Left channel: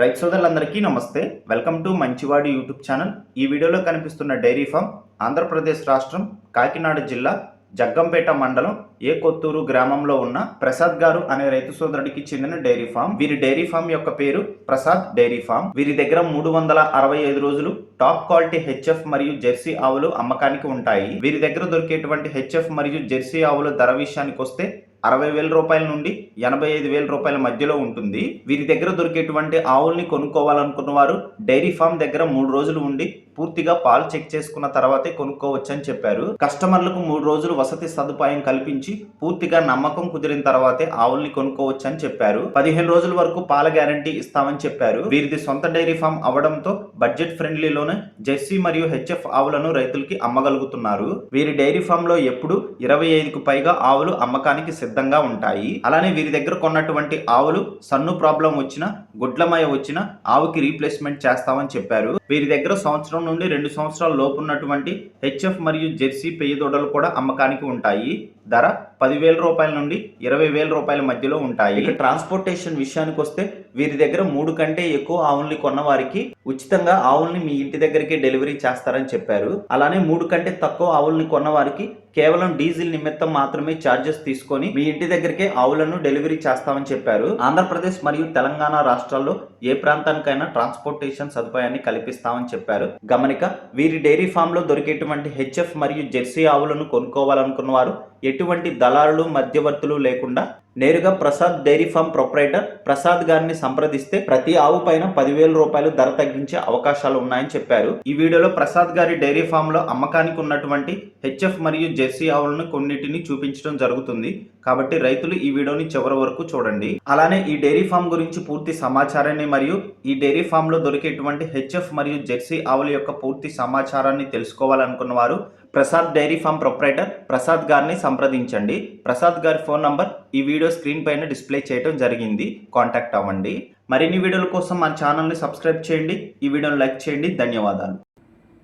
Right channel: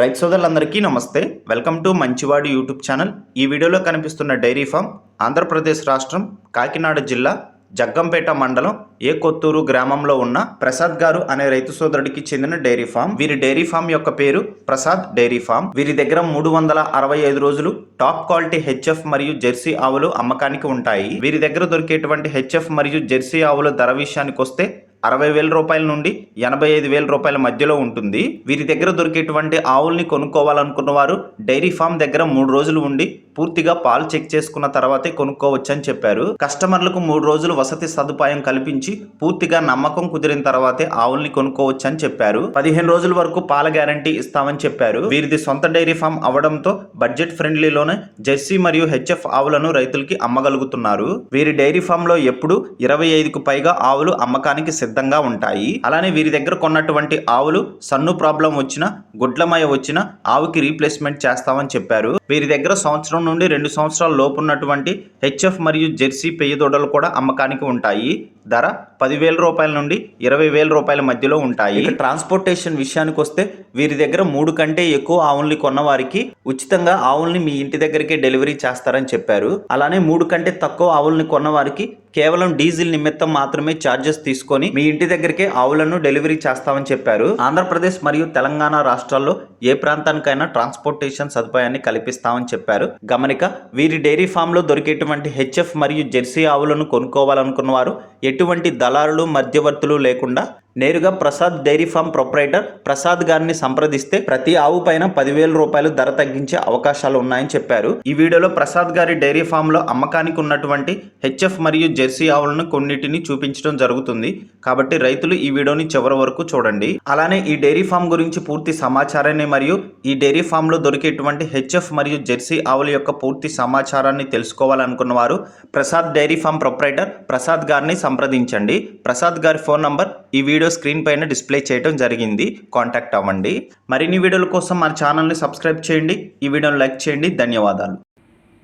రైతు సోదరులందరికీ నమస్తే. వెల్కమ్ టు మంచివాడి యూట్యూబ్ ఛానల్. ఈ వీడియోలో కనిపిస్తున్న డైరీ ఫామ్ ఆంధ్రప్రదేశ్ రాష్ట్రం కాకినాడ జిల్లా జగ్గంపేట మండలం ఏ కొత్తూరు గ్రామంలో ఉన్న ప్రసాద్ గారు అనే రైతు సోదరుడికి చెందిన డైరీ ఫామ్. వీరి డైరీ ఫామ్ యొక్క పేరు ప్రసాద్ డైరీ ఫామ్. వీరి దగ్గర 365 రోజులు టాప్ క్వాలిటీ హెచ్ఎఫ్ మరియు జెర్సీ ఆవులు అమ్మకానికి ఉంటాయి. వీరి దగ్గర దొరికేటువంటి హెచ్ఎఫ్ మరియు జెర్సీ ఆవుల ధర విషయానికి వస్తే 60,000 రూపాయల నుండి 85,000 రూపాయల మధ్యలో ఉంటుంది. వీరి దగ్గర దొరికేటువంటి ఆవుల్ని కొనుక్కోవాలనుకున్న వారు డైరీ ఫామ్ దగ్గర 3 రోజులు ఉండి పూర్తిగా పాలు చెక్ చేసుకున్న తర్వాతే కొనుక్కోవచ్చని చెప్పారు. కస్టమర్లకు 3 రోజులు వసతి సదుపాయం కల్పించి పూర్తిగా నమ్మకం కుదిరిన తర్వాతే ఆవుల్ని కొనుక్కోవచ్చని చెప్పారు. 15 రోజుల వరకు పాల గ్యారంటీ ఇస్తామని చెప్పారు. వీరిది సొంత డైరీ ఫామ్ అవడంతో బడ్జెట్ ఫ్రెండ్లీలోనే జెర్సీ మరియు హెచ్ఎఫ్ ఆవులను రైతులకి అమ్మగలుగుతున్నారు. వీరి డైరీ ఫామ్ లో ఎప్పుడు 25కు పైగా ఆవులు అమ్మకానికి సిద్ధంగా ఉంటాయి. అలానే వీరి దగ్గర కొన్నటువంటి ఆవులు సన్ను ప్రాబ్లం వచ్చినా గుడ్లమయ వచ్చినా ఆవుకి రీప్లేస్మెంట్ చేస్తామని చెప్పారు. వీరి దగ్గర సంవత్సరం నుండి 2 సంవత్సరాల లోపు ఉన్నటువంటి హెచ్ఎఫ్ మరియు జెర్సీ పెయ్య దూడలు కూడా అమ్మకానికి ఉంటాయి. ధర 10,000 రూపాయల నుండి 20,000 రూపాయల మధ్యలో ఉంటాయి. ట్రాన్స్పోర్టేషన్ విషయానికి వస్తే వీరి దగ్గర 3 కంటే ఎక్కువ ఆవుల్ని కొన్న వారికి ఉచితంగా ఆవుల్ని మీ ఇంటి దగ్గరికి డెలివరీ చేస్తారని చెప్పారు. అలానే 3 కంటే తక్కువ ఆవుల్ని కొన్న వారికి కేవలం డీజిల్ నిమిత్తం మాత్రమే ఛార్జెస్ తీసుకొని మీ ఇంటి దగ్గరికే ఆవులను డెలివరీ చేస్తామని చెప్పారు. ఆంధ్రప్రదేశ్ మరియు తెలంగాణ రాష్ట్రాల్లో ఏ ప్రాంతానికైనా ట్రాన్స్పోర్టేషన్ సదుపాయాన్ని కల్పిస్తామని చెప్పారు. గమనిక, వీరి డైరీ ఫామ్ లో దొరికేటువంటి హెచ్ఎఫ్ మరియు జెర్సీ ఆవులను కొనుక్కోవాలనుకున్న వారు ఎటువంటి దళారులు మధ్యవర్తులు లేకుండా నేరుగా Prasad dairy farm proprietor Prasad గారిని సంప్రదిస్తే ప్రతి ఆవు పైన 10,000 రూపాయలు ధర తగ్గించే అవకాశాలు ఉన్నాయని చెప్పారు. ఈ వీడియోలో ప్రసాద్ గారి డైరీ ఫామ్ లో అమ్మకానికి ఉన్నటువంటి హెచ్ఎఫ్ మరియు జెర్సీ ఆవులను కొన్నిటిని చూపించడం జరుగుతుంది. కాబట్టి రైతులు ఈ వీడియోని చివరి వరకు చూడండి. అలానే ఈ డైరీ ఫామ్ గురించి పూర్తి సమాచారాన్ని మరియు ఈ డైరీ ఫామ్ లో దొరికేటువంటి హెచ్ఎఫ్ మరియు జెర్సీ ఆవుల యొక్క పూర్తి సమాచారాన్ని తెలుసుకోవాలనుకున్న వారు Prasad dairy farm proprietor Prasad గారిని సంప్రదించండి. ప్రసాద్ గారి ఫోన్ నంబర్ ఈ వీడియో స్క్రీన్ పైన డిస్ప్లే చేయడం జరిగింది. కాంటాక్ట్ అవ్వండి. మరిన్ని వీడియోల కోసం మన ఛానల్ని సబ్స్క్రైబ్ చేయండి. ఈ వీడియోని లైక్ చేయండి. ధన్యవాదాలు.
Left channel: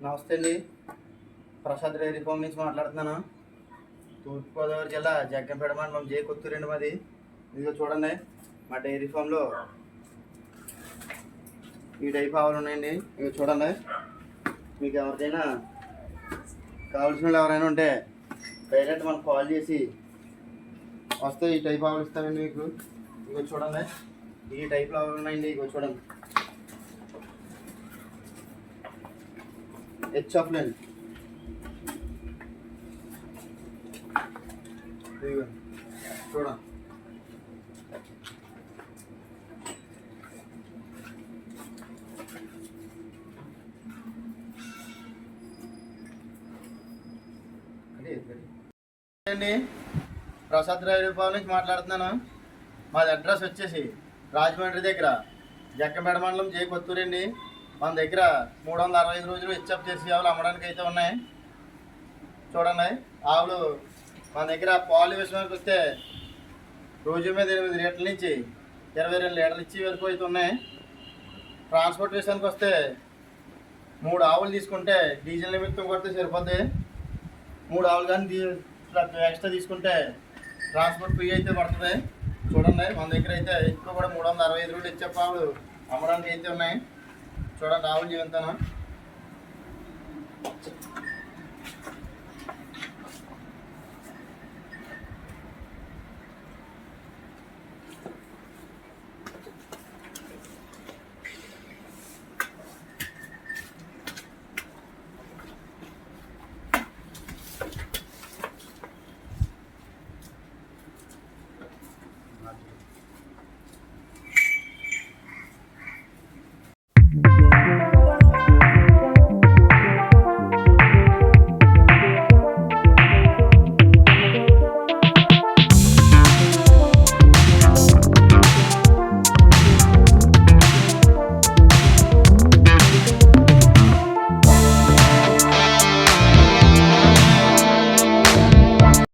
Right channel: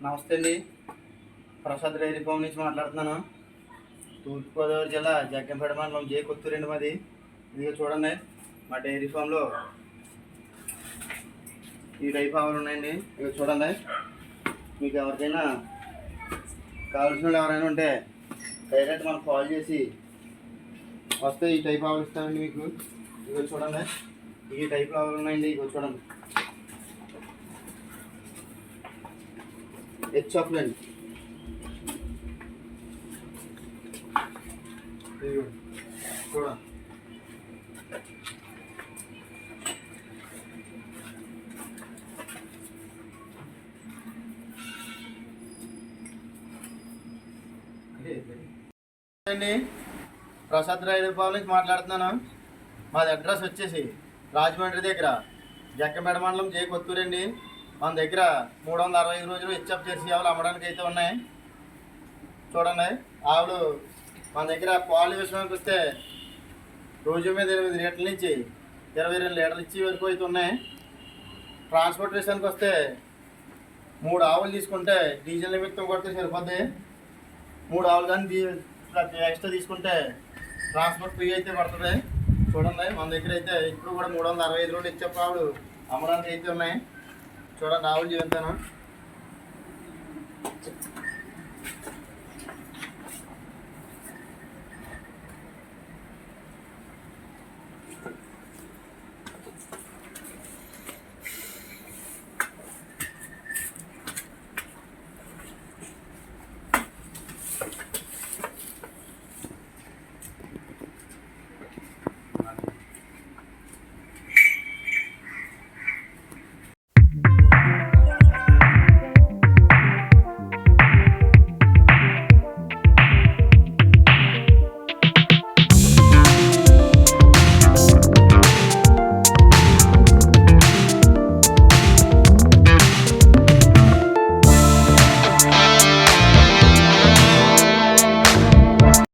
నమస్తే అండి, ప్రసాద్ డైరీ ఫామ్ నుంచి మాట్లాడుతున్నాను. తూర్పుగోదావరి జిల్లా జగ్గంపేట మండలం జే కొత్తూరు మాది. ఇదిగో చూడండి, మా డైరీ ఫామ్లో ఈ టైప్ ఆవులు ఉన్నాయండి. ఇదిగో చూడండి, మీకు ఎవరికైనా కావాల్సిన వాళ్ళు ఎవరైనా ఉంటే డైరెక్ట్ మనకు కాల్ చేసి వస్తే ఈ టైప్ ఆవులు ఇస్తామండి మీకు. ఇదిగో చూడండి, ఈ టైప్లో ఆవులు ఉన్నాయండి. ఇదిగో చూడండి, హెచ్ఎఫ్లండి. ఇదిగో చూడండి, అండి ప్రసాద్ డైరీ ఫామ్ నుంచి మాట్లాడుతున్నాను. మాది అడ్రస్ వచ్చేసి రాజమండ్రి దగ్గర జగ్గంపేట మండలం జే కొత్తూరు అండి. మన దగ్గర 365 రోజులు హెచ్ఎఫ్ జెర్సీ ఆవులు అమ్మడానికి అయితే ఉన్నాయి. చూడండి, ఆవులు మన దగ్గర పాలు విషయానికి వస్తే రోజు మీద 8 లీటర్ల నుంచి 22 లీటర్లు ఇచ్చి వరకు అయితే ఉన్నాయి. ట్రాన్స్పోర్ట్ విషయానికి వస్తే 3 ఆవులు తీసుకుంటే డీజిల్ నిమిత్తం కొడితే సరిపోద్ది. 3 ఆవులు కానీ ఎక్స్ట్రా తీసుకుంటే ట్రాన్స్పోర్ట్ ఫ్రీ అయితే పడుతుంది. చూడండి, మన దగ్గర అయితే ఇప్పుడు కూడా 365 రోజులు హెచ్ఎఫ్ ఆవులు అమ్మడానికి అయితే ఉన్నాయి. చూడండి, ఆవులు జీవితాను